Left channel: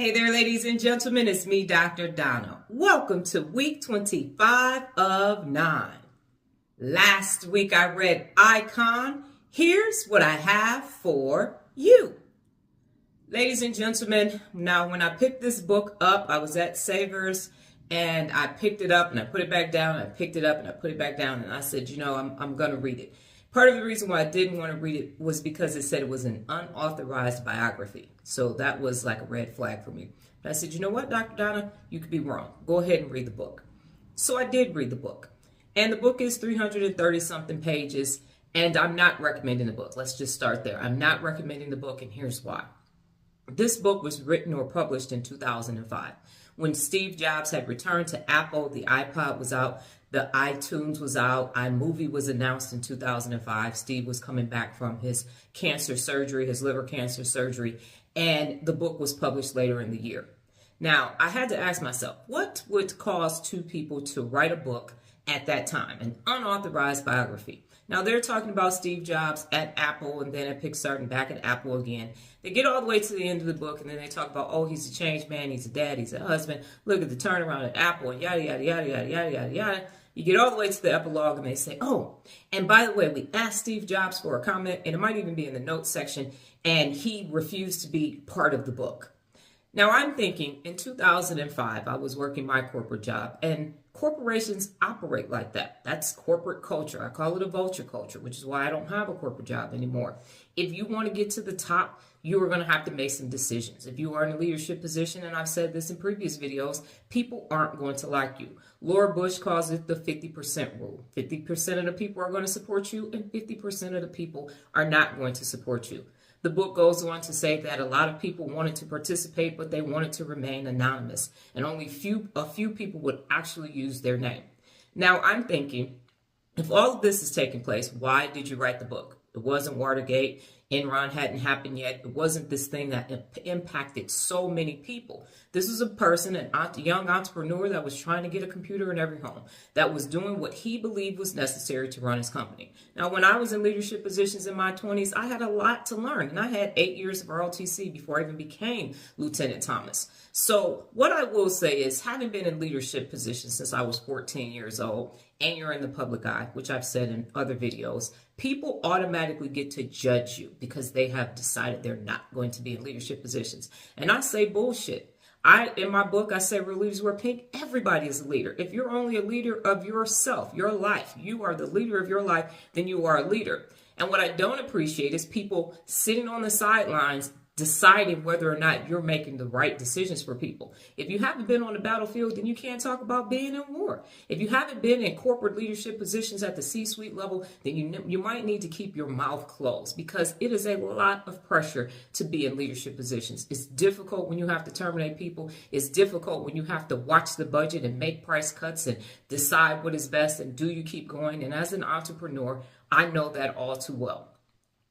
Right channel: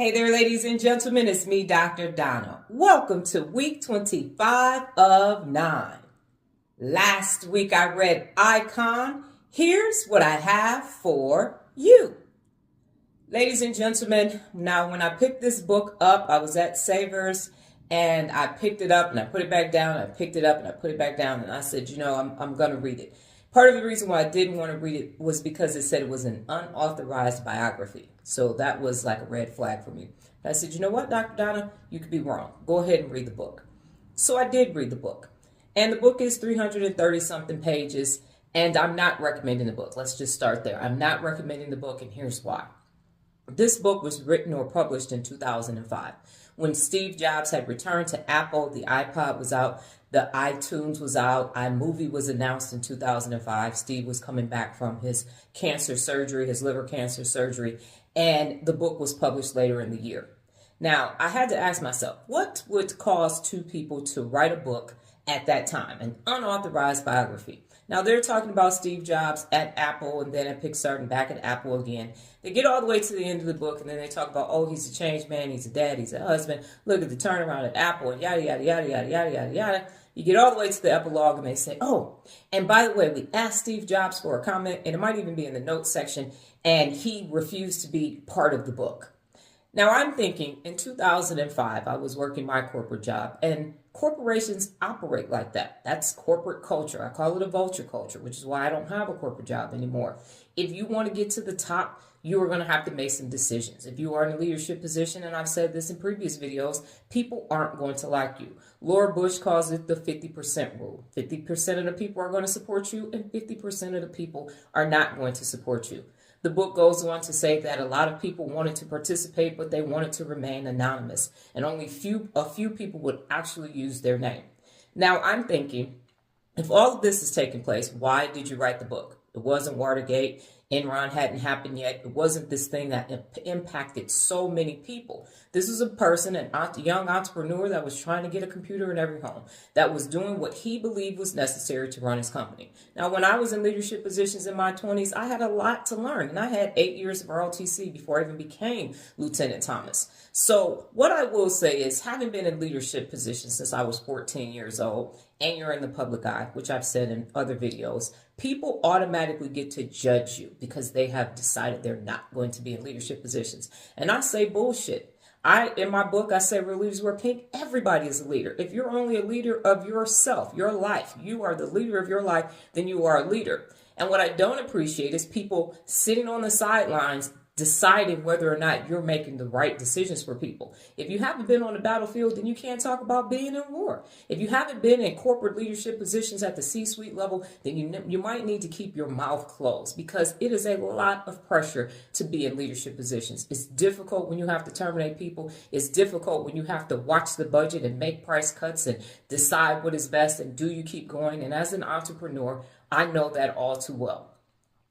Hey there, ladies and gentlemen, it's me, Dr. Donna. Welcome to week 25 of 9. Last week I read iCon. Here's what I have for you. Ladies and gentlemen, now when I picked this book up, I was at Savers and I picked it up and I put it back down. I picked it up and I put it back down and I said, I'm going to read it. Part of the reason why I didn't want to read it was because it said it was an unauthorized biography. So that was like a red flag for me. But I said, you know what, Dr. Donna, you could be wrong. Go ahead and read the book. So I did read the book. And the book is 330 something pages. And I'm not recommending the book. Let's just start there. I'm not recommending the book, and here's why. This book was written or published in 2005. When Steve Jobs had returned to Apple, the iPod was out, the iTunes was out, iMovie was announced in 2005. Steve was coming back from his cancer surgery, his liver cancer surgery, and the book was published later in the year. Now, I had to ask myself, what would cause two people to write a book at that time, an unauthorized biography? Now, they're talking about Steve Jobs at Apple and then at Pixar and back at Apple again. They get all the way to the end of the book and then they talk about, oh, he's a changed man, he's a dad, he's a husband. Look at the turnaround at Apple and yada, yada, yada, yada, yada, yada, yada. You get all the way to the epilogue and they say, oh, and by the way, we asked Steve Jobs for a comment, and it might even be in the notes section, and he refused to be part of the book. Now, I'm thinking in 2005, I was working my corporate job, and corporations operate like that. That's corporate culture. I call it a vulture culture, which is why I don't have a corporate job anymore. If you want to get to the top, you are going to have to make some decisions. If you are in a leadership position, and I've said this in previous videos, people aren't going to like you. Laura Bush calls it the 50% rule. 50% of the people are going to support you, and 50% of the people are not going to support you. The book goes on to say that a lot of people wanted to participate, but they wanted to remain anonymous, and only a few people would actually use their name. Now, I'm thinking, if all of this is taking place, why did you write the book? It wasn't Watergate. Enron hadn't happened yet. It wasn't this thing that impacted so many people. This was a person, a young entrepreneur that was trying to get a computer in every home, that was doing what he believed was necessary to run his company. Now, when I was in leadership positions in my 20s, I had a lot to learn, and I had 8 years of ROTC before I even became Lieutenant Thomas. So what I will say is, having been in leadership positions since I was 14 years old, and you're in the public eye, which I've said in other videos, people automatically get to judge you because they have decided they're not going to be in leadership positions. And I say bullshit. In my book, I say real leaders wear pink. Everybody is a leader. If you're only a leader of yourself, your life, you are the leader of your life, then you are a leader. And what I don't appreciate is people sitting on the sidelines deciding whether or not you're making the right decisions for people. If you haven't been on the battlefield, then you can't talk about being in war. If you haven't been in corporate leadership positions at the C-suite level, then you might need to keep your mouth closed, because it is a lot of pressure to be in leadership positions. It's difficult when you have to terminate people. It's difficult when you have to watch the budget and make price cuts and decide what is best, and do you keep going? And as an entrepreneur, I know that all too well.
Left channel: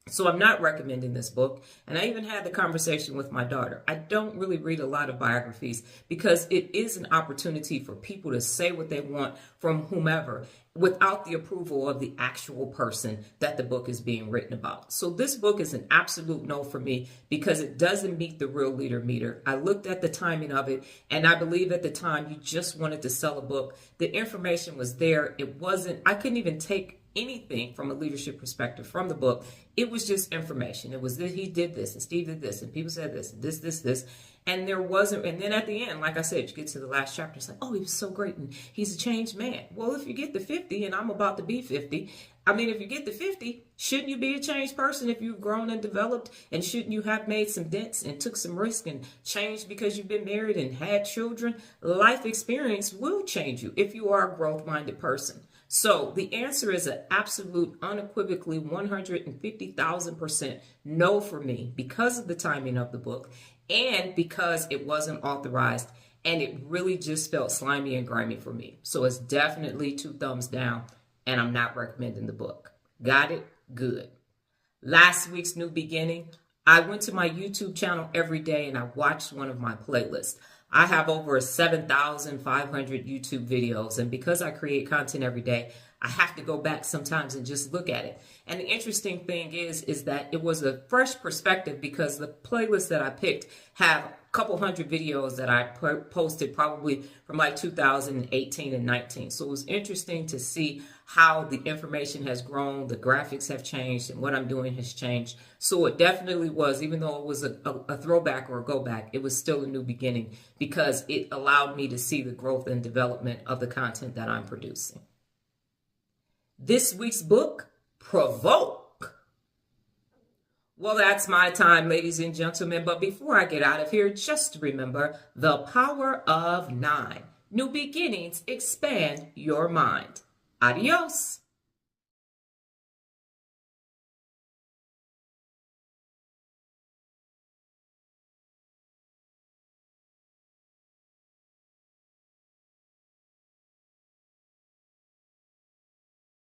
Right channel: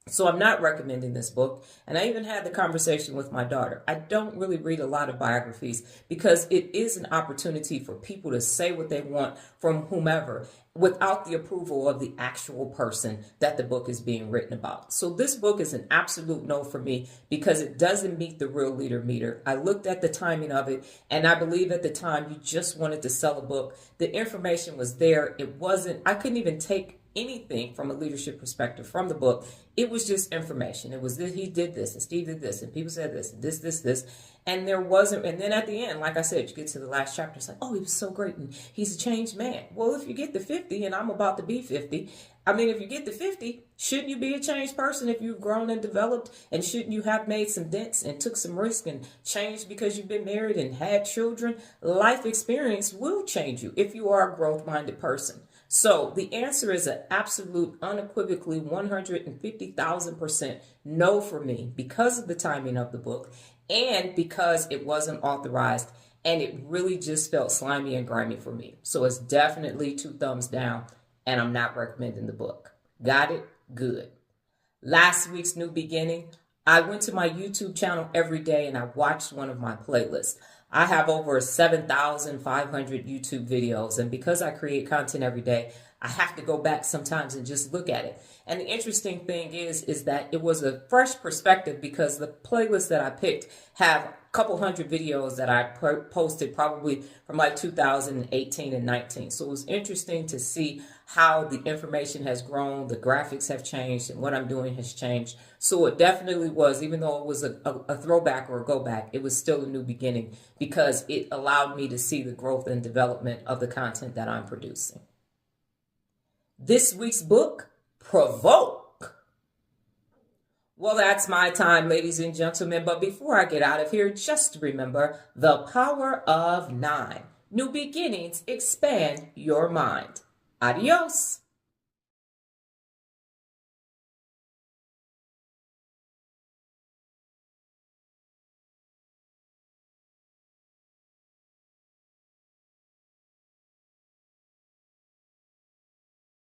So I'm not recommending this book, and I even had the conversation with my daughter. I don't really read a lot of biographies because it is an opportunity for people to say what they want from whomever without the approval of the actual person that the book is being written about. So this book is an absolute no for me because it doesn't meet the real leader meter. I looked at the timing of it, and I believe at the time you just wanted to sell a book. The information was there. I couldn't even take anything from a leadership perspective from the book. It was just information. It was that he did this and Steve did this and people said this and this. And there wasn't, and then at the end, like I said, you get to the last chapter, it's like, oh, he was so great and he's a changed man. Well, if you get to 50, and I'm about to be 50, if you get to 50, shouldn't you be a changed person if you've grown and developed? And shouldn't you have made some dents and took some risk and changed because you've been married and had children? Life experience will change you if you are a growth-minded person. So the answer is an absolute, unequivocally 150,000% no for me because of the timing of the book and because it wasn't authorized, and it really just felt slimy and grimy for me. So it's definitely 2 thumbs down, and I'm not recommending the book. Got it? Good. Last week's new beginning, I went to my YouTube channel every day and I watched one of my playlists. I have over 7,500 YouTube videos, and because I create content every day, I have to go back sometimes and just look at it. And the interesting thing is that it was a fresh perspective because the playlists that I picked have a couple hundred videos that I posted probably from like 2018 and 19. So it was interesting to see how the information has grown, the graphics have changed, and what I'm doing has changed. So it definitely was, even though it was a throwback or a go back, it was still a new beginning because it allowed me to see the growth and development of the content that I'm producing. This week's book, Provoke. Well, that's my time, ladies and gentlemen. But before I get out of here, just remember the power of 9. New beginnings expand your mind. Adios.